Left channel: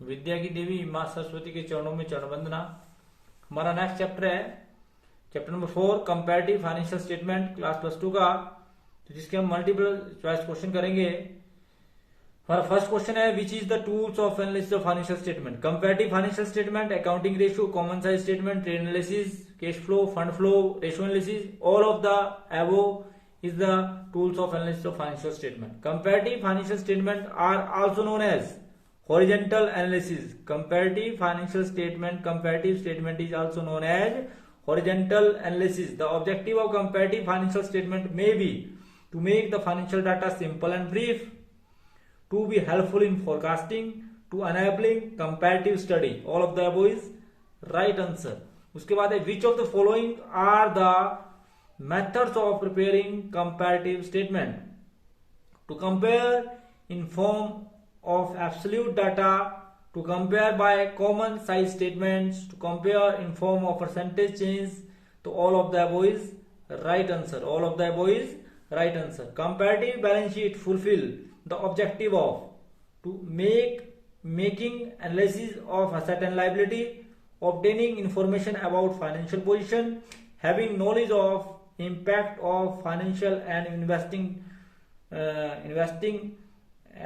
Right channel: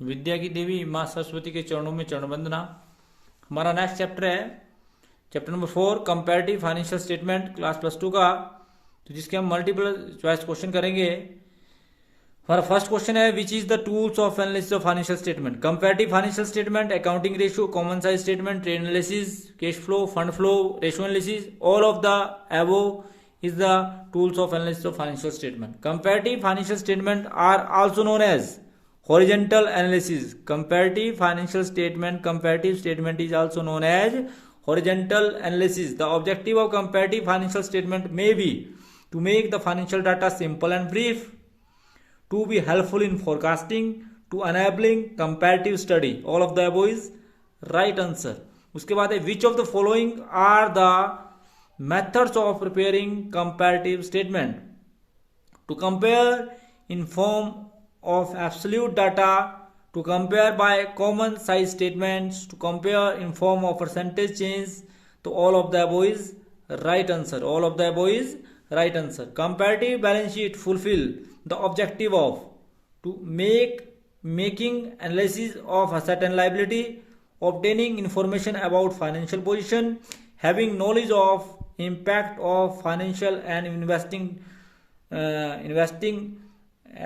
विद्या की देवी माँ सरस्वती के चरणों में चरण वंदना। हमारा नेक्स्ट चैप्टर है chapter number 4 comparative financial statement class +2 का, तो जिसके हम मल्टीपल चॉइस क्वेश्चन करेंगे। हमारा फर्स्ट क्वेश्चन है which is the tools of analysis of financial statement. Comparative financial statement, accounting ratio, common size statement, trade analysis, cash flow, fund flow, ratio analysis, all of the above is the tools of analysis of financial statement. Comparative financial statement are also known as horizontal analysis. Comparative statement is also known as horizontal analysis. The objective of comparative financial statement may be to make the financial data simple and brief, to be helpful in forecasting, to enabling comparative study. All of the above is right answer. उसके बाद है which of the following are the methods of preparing comparative statement? To compare in form of absolute data, to compare by common size statements, to compare in form of percentage change. तो all of the above is right answer. All of the above is right answer. Comparative balance sheet fulfill the objective of to making analysis of asset and liability, obtaining information about financial position, having knowledge of impact of financial and investing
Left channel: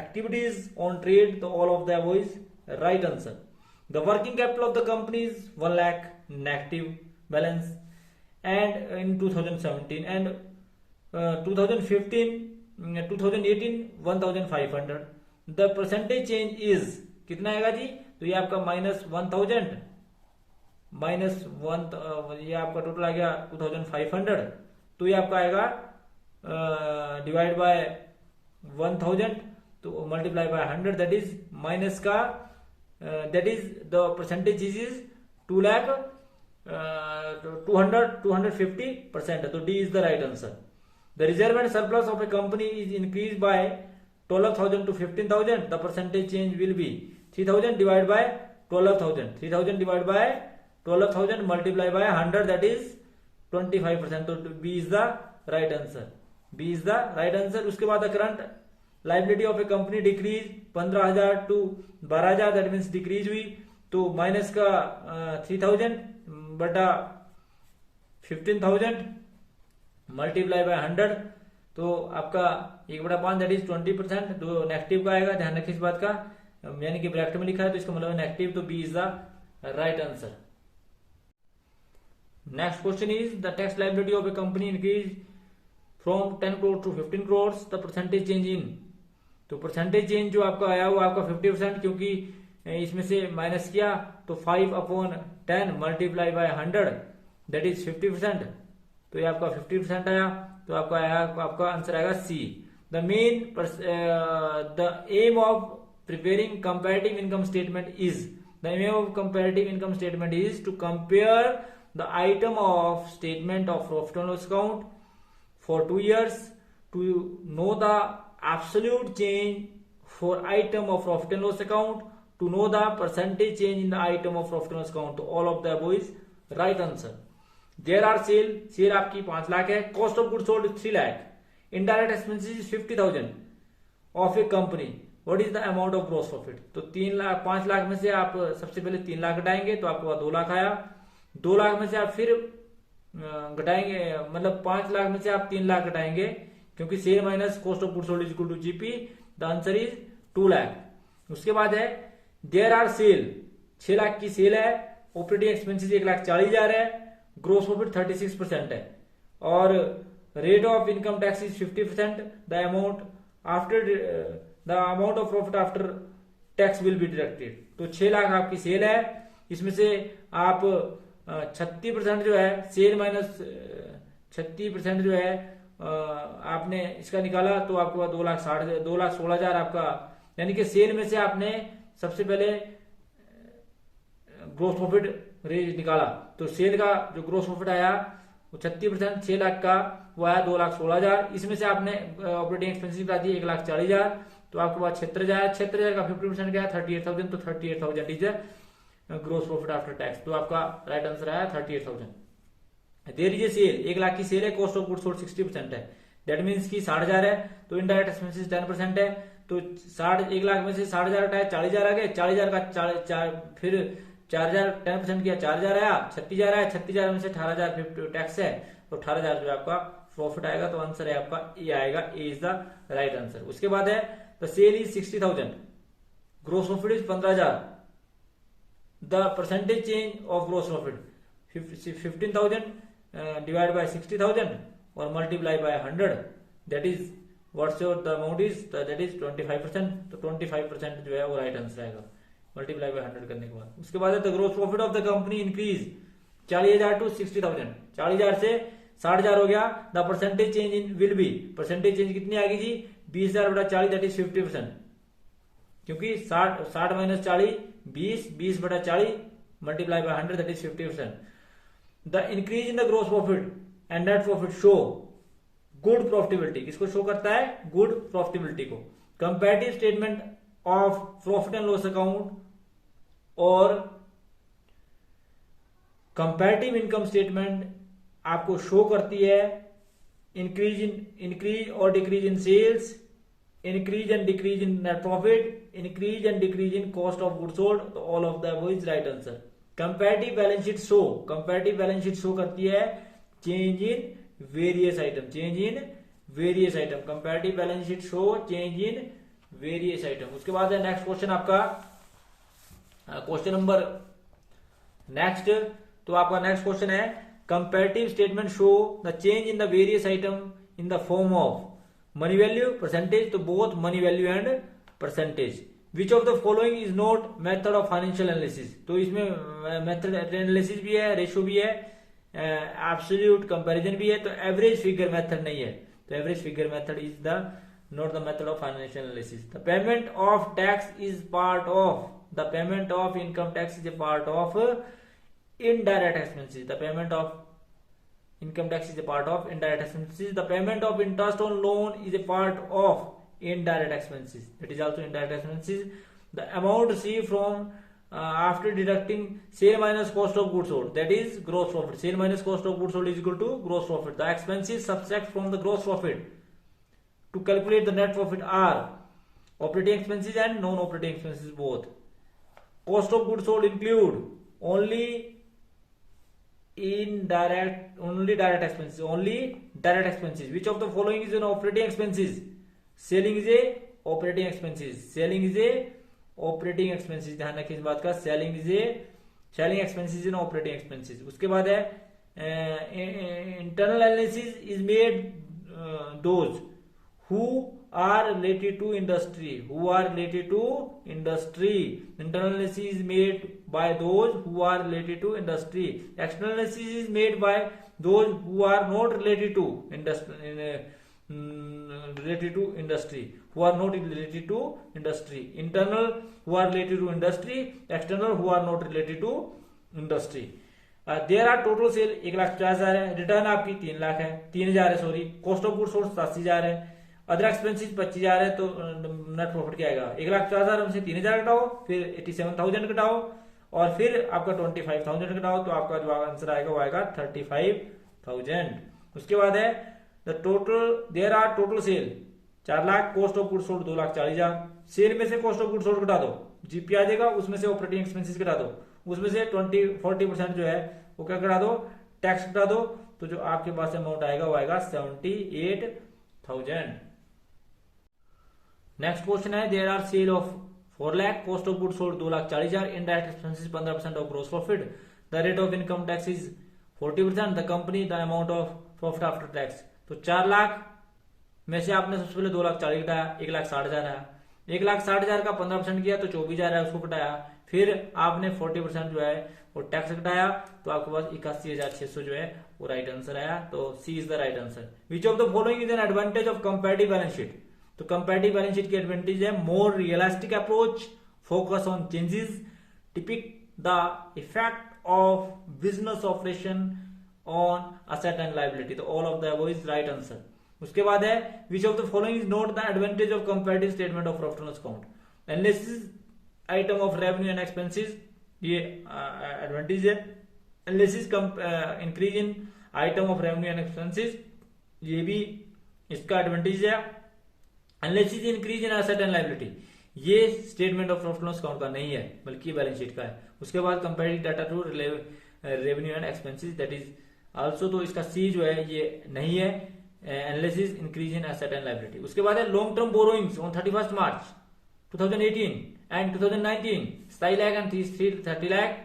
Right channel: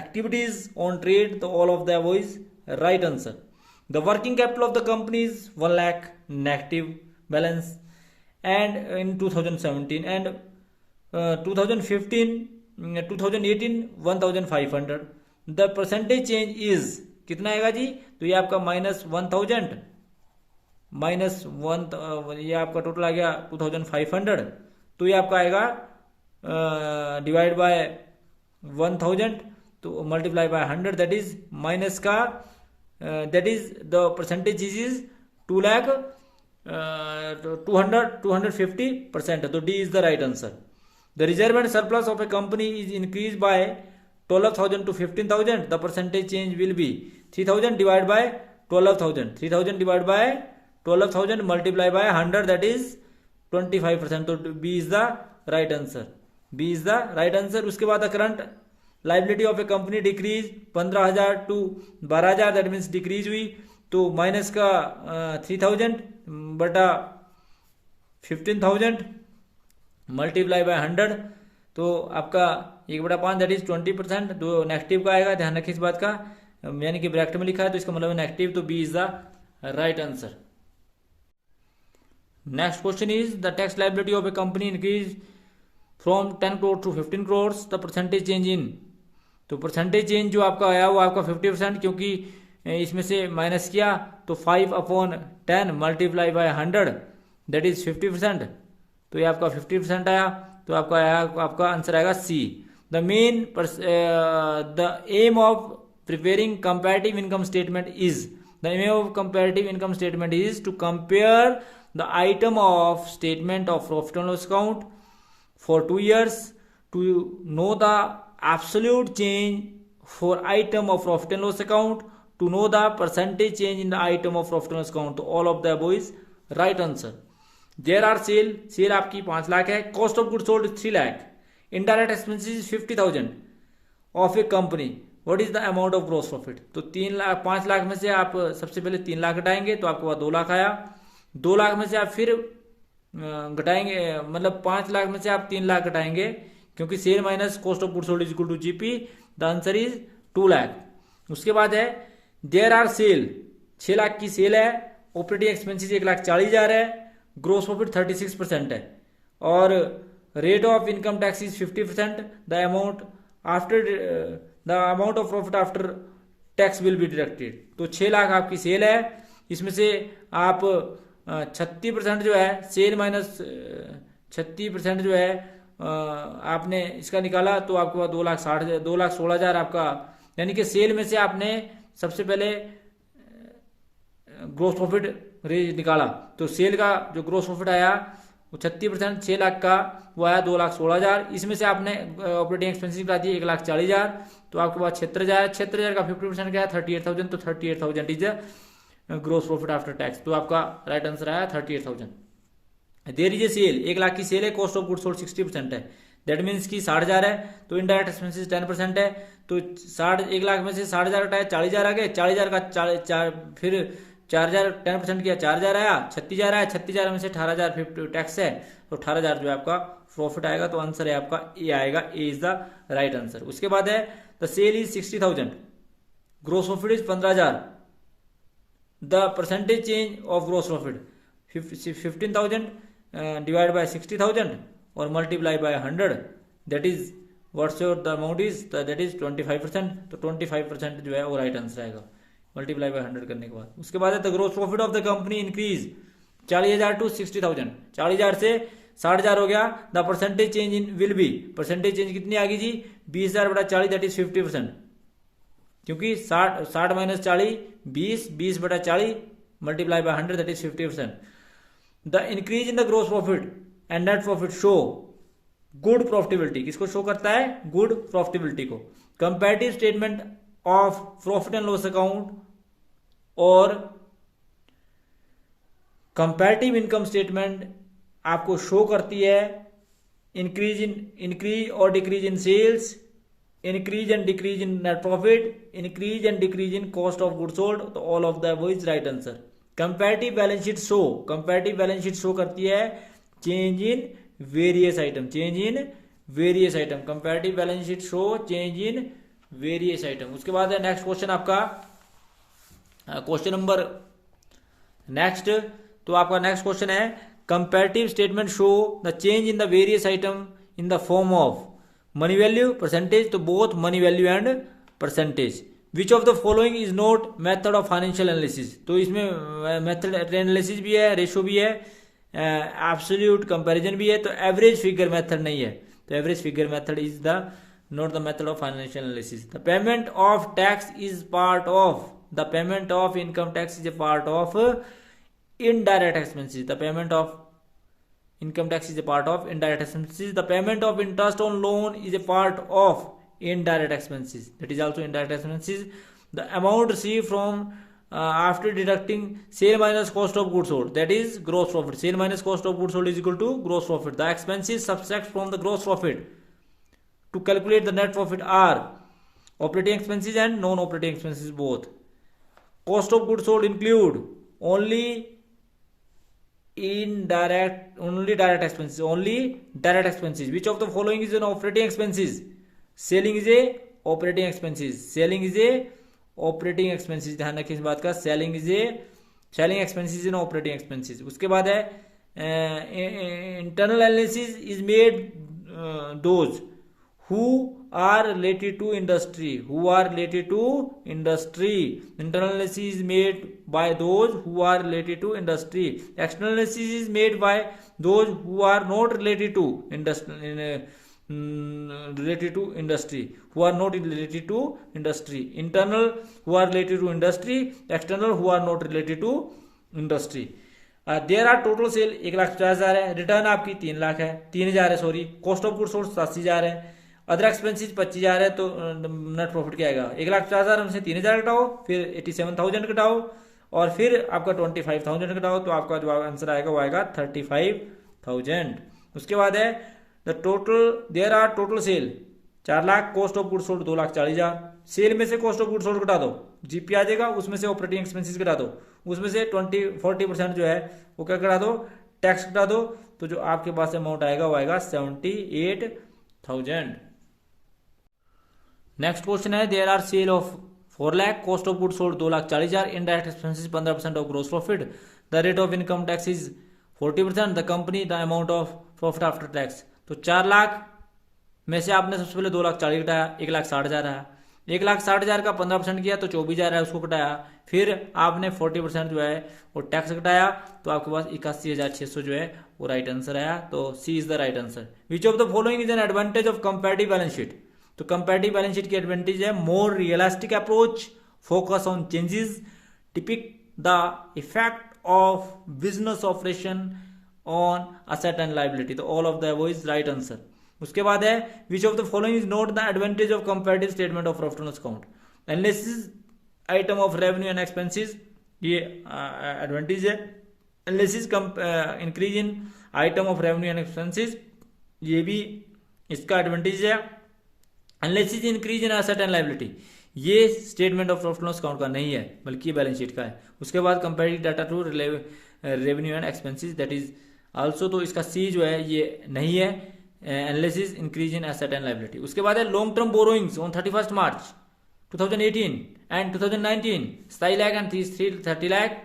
activities on trade. The all of the above is right answer. The working capital of the company is 1 lakh negative balance and in 2017 and 2015 2018 1500. The percentage change is कितना आएगा जी? तो ये आपका -1000 -1 ये आपका total आ गया 2500। तो ये आपका आएगा डिवाइड बाय 1000 तो multiply by 100, that is minus का that is the percentage is 2 lakh 250%। तो D is the right answer. The reserve and surplus of a company is increase by 12,000 to 15,000. The percentage change will be 3000 divide by 12,000, 3000 divide by 12,000 multiplied by 100, that is 25%. तो B is the right answer. B is the right answer. उसके बाद current liability of a company decrease 15,000 to 12,000, that means decrease हुई। तो minus का 3,000 बटा 15,000 multiply by 100, तो आपका 1/5 that is 20%। तो नेगेटिव का आएगा, ध्यान रखिए इस बात का, यानी कि ब्रैकेट में लिखा है तो इसका मतलब नेगेटिव। तो B is the right answer. Next question is the tax liability of a company increased from 10 crore to 15 crores. The percentage change in, तो परसेंटेज चेंज जो आपका आया वो आपका 50%, क्योंकि इसमें से माइनस किया तो 5/10 मल्टीप्लाई बाय 100 दैट इज 50%। तो ये आपका 50% आया, तो आपका आया, आपका आंसर आएगा C. The aim of preparing comparative income statement is, the aim of comparative income statement is to compare the item of statement of profit and loss account for 2 years, to know the absolute change for item of profit and loss account, to know the percentage change in the item of profit and loss account. तो all of the above is right answer. There are sale आपकी 5 लाख है, cost of goods sold 3 lakh, indirect expenses 50,000 of a company. What is the amount of gross profit? तो 5 लाख में से आप सबसे पहले 3 लाख घटाएंगे तो आपको 2 लाख आया। 2 लाख में से आप फिर घटाएंगे, मतलब 5 लाख में से आप 3 लाख घटाएंगे, क्योंकि sale minus cost of goods sold is equal to GP. The answer is 2 lakh. उसके बाद है देयर आर सेल, 6 लाख की सेल है, ऑपरेटिंग एक्सपेंसिस 1,40,000 है, ग्रोस प्रॉफिट 36% है, और rate of income tax is 50%। The amount of profit after tax will be deducted. तो 6 लाख आपकी सेल है, इसमें से आप 36% जो है सेल माइनस 36% जो है आपने इसका निकाला, तो आपको 2,16,000 आपका, यानी कि सेल में से आपने सबसे पहले ग्रोस प्रॉफिट निकाला। तो सेल का जो ग्रोस प्रॉफिट आया वो 36%, 6 लाख का वो आया 2,16,000। इसमें से आपने ऑपरेटिंग एक्सपेंसिस निकाल दिए 1,40,000, तो आपके पास 76,000 का 50% क्या है 38,000। तो 38,000 is gross profit after tax. तो आपका राइट आंसर आया 38,000। There is a sale, 1 lakh की सेल है, कॉस्ट ऑफ गुड्स सोल्ड 60% है, दैट मीन्स की 60,000 है, तो इनडायरेक्ट एक्सपेंसिस 10% है, तो 1 लाख में से 60,000 हटाया 40,000 आ गए, 40,000 का फिर 4,000 10% किया 4,000 आया, 36,000 आया, 36,000 में से 18,000 टैक्स है, तो 18,000 जो है आपका प्रॉफिट आएगा। तो आंसर है आपका ए आएगा, A is the right answer. उसके बाद है the sale is 60,000, gross profit is 15,000, the percentage change of gross profit 15,000 divide by 60,000 और multiply by 100, that is what's your the amount is, that is 25%। तो 25% जो है वो right answer आएगा multiply by 100 करने के बाद। उसके बाद है the gross profit of the company increase 40,000 to 60,000, 40,000 से 60,000 हो गया। The percentage change in will be, percentage change कितनी आ गई जी, 20,000 बटा 40 दैट इज 50%, क्योंकि 60 माइनस 40 20 बटा 40 multiply by 100 that is 50%। The increase in the gross profit and net profit show good profitability, किसको show करता है, गुड प्रॉफिटेबिलिटी को। Comparative statement of profit and loss account और कंपैरेटिव इनकम स्टेटमेंट आपको show करती है increase और decrease in sales, increase and decrease in net profit, increase and decrease in cost of goods sold, तो all of the above is right answer. Comparative balance sheet show, comparative balance sheet show करती है change in various item, change in various item, comparative balance sheet show change in various item. उसके बाद है next question आपका question number next, तो आपका next question है comparative statement show the change in the various item in the form of money value percentage, तो both money value and percentage. Which of the following is not method of financial analysis, तो इसमें method analysis भी है, ratio भी है, absolute comparison भी है, तो एवरेज फिगर मेथड नहीं है, तो average figure method is the not the method of financial analysis. The payment of tax is part of, the payment of income tax is a part of indirect expenses, the payment of income tax is a part of indirect expenses, the payment of interest on loan is a part of indirect expenses, that is also indirect expenses. The amount received from after deducting sale minus cost of goods sold, that is gross profit, sale minus cost of goods sold is equal to gross profit. The expenses subtract from the gross profit to calculate the net profit are operating expenses and non operating expenses both. Cost of goods sold include only direct expenses, only direct expenses. Which of the following is an operating expenses? Selling is a operating expenses, selling is a operating expenses, ध्यान रखिए इस बात का, selling expenses in operating expenses। उसके बाद है internal analysis is made those who are related to industry, internal analysis is made by those who are related to industry, external analysis is made by those who are not related to industry, who are not related to industry, internal who are related to industry, external who are not related to industry। There are total sale 1,50,000 है, return आपकी 3 लाख है, 3,000 है sorry, cost of goods sold 87,000 है, other expenses 25,000 है, तो net profit क्या आएगा, 1,50,000 में से 3,000 घटाओ, फिर 87,000 घटाओ और फिर आपका 25,000 घटाओ, तो आपका जो आंसर आएगा वो आएगा 35,000। उसके बाद है the total there are total sale 4 lakh, cost of goods sold 2,40,000, sale में से कॉस्ट ऑफ गुड्स सोल्ड घटा दो, जीपी आ जाएगा, उसमें से ऑपरेटिंग एक्सपेंसिस घटा दो, उसमें से 40% जो है वो क्या घटा दो, टैक्स घटा दो, तो जो आपके पास अमाउंट आएगा वो आएगा 78,000। नेक्स्ट क्वेश्चन है there are sale of 4 lakh, cost of goods sold 2,40,000, indirect expenses 15% of gross profit, the rate of income tax is 40%, the company the amount of profit after tax. तो 4 लाख में से आपने सबसे पहले 2,40,000 घटाया, 1,60,000 आया, 1,60,000 का 15% किया तो 24,000 है, उसको घटाया, फिर आपने 40% जो है वो टैक्स घटाया, तो आपके पास 81,600 जो है वो राइट आंसर आया, तो C is the right answer. Which of the following is an advantage of comparative balance sheet, तो कंपैरेटिव बैलेंस शीट की एडवांटेज है more realistic approach, focus on changes, depict the effect of business operation on asset and liability, तो all of the above is right answer. उसके बाद है which of the following is not the advantage of comparative statement of profit and loss account, analysis item of revenue and expenses, ये advantage है, analysis increase in item of revenue and expenses, ये भी इसका advantage है, analysis increase in asset and liability, ये statement of profit loss account का नहीं है बल्कि बैलेंस शीट का है। उसके बाद comparative data to revenue and expenses that is also, तो इसका सी जो है ये नहीं है, analysis increase in asset and liability. उसके बाद है long term borrowings on 31 March 2018 and 2019 27 lakh and 30 lakh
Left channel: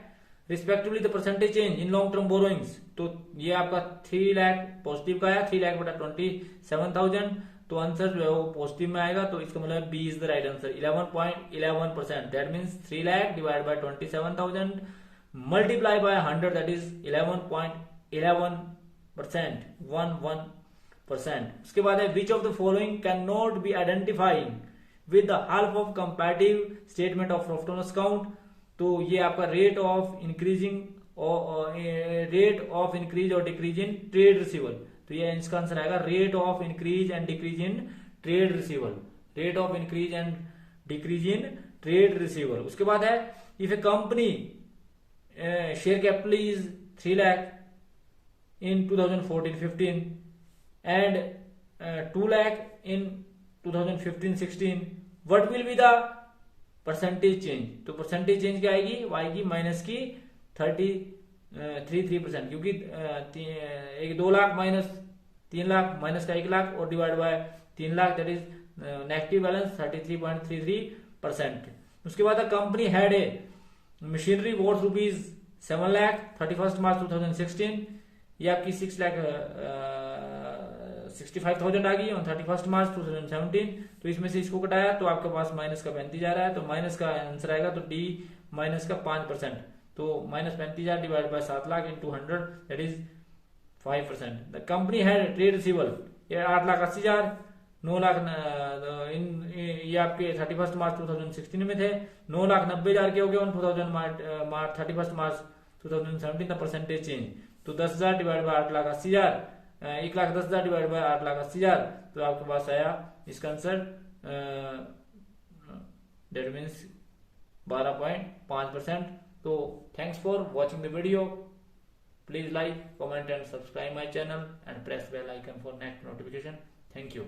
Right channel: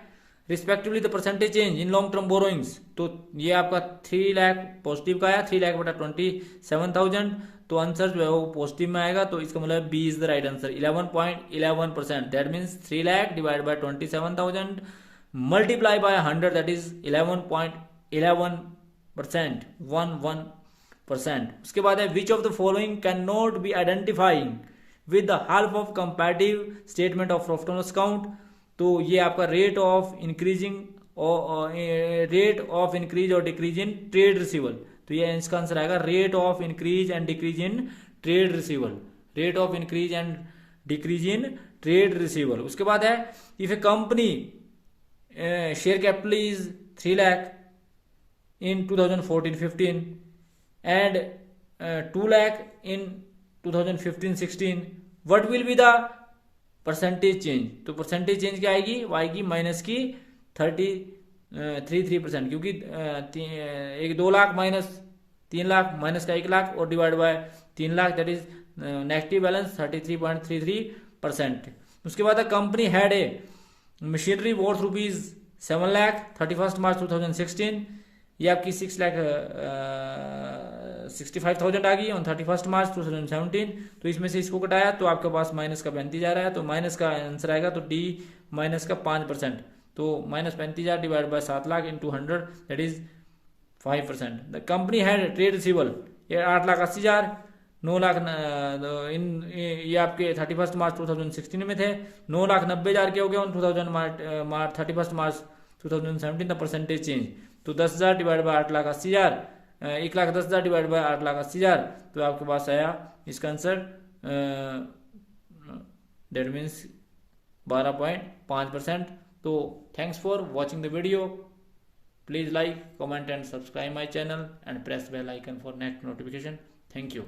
respectively the percentage change in long term borrowings. तो ये आपका 3 लाख पॉजिटिव का है, 3 लाख बटा 27,000, तो आंसर जो है वो पॉजिटिव में आएगा। तो इसका मतलब B is the right answer 11.11%। That means 3 lakh divide by 27,000 multiply by 100 that is 11.11%, 11%। उसके बाद है which of the following can not be identifying with the help of comparative statement of profit and loss account. तो ये आपका rate of increase और decrease in trade receivable, तो ये इसका आंसर आएगा rate of increase and decrease in trade रिसीवल, rate of increase and decrease in trade रिसीवल। उसके बाद है if A company share capital is 3 lakh in 2014-15 and 2 lakh in 2015-16, what will be the percentage change? तो percentage change क्या आएगी? वो आएगी minus की 33%, क्योंकि 2 लाख माइनस 3 लाख माइनस का 1 लाख और divide by 3 lakh that is negative balance 33.33%। उसके बाद company had a machinery worth rupees 7 lakh 31 मार्च 2016, ये आपकी 6,65,000 आ गई ऑन 31 मार्च 2017। तो इसमें से इसको घटाया तो आपके पास माइनस का 35,000 है, तो माइनस का आंसर आएगा तो डी माइनस का 5%, तो minus 35,000 divide by 7 lakh into 100 that is 5%। The company had trade रिसीवल, ये 8,80,000, 9 लाख ये आपके 31 मार्च 2016 में थे, 9,90,000 के हो गए on 31 March 2017। The percentage change, तो 10,000 डिवाइड बाय 8,80,000, 1,10,000 डिवाइड बाय 8,80,000, तो आपके पास आया इसका आंसर दैट मीन्स 12.5%। तो thanks for watching the video, please like, comment and subscribe my channel and press bell icon for next notification. Thank you.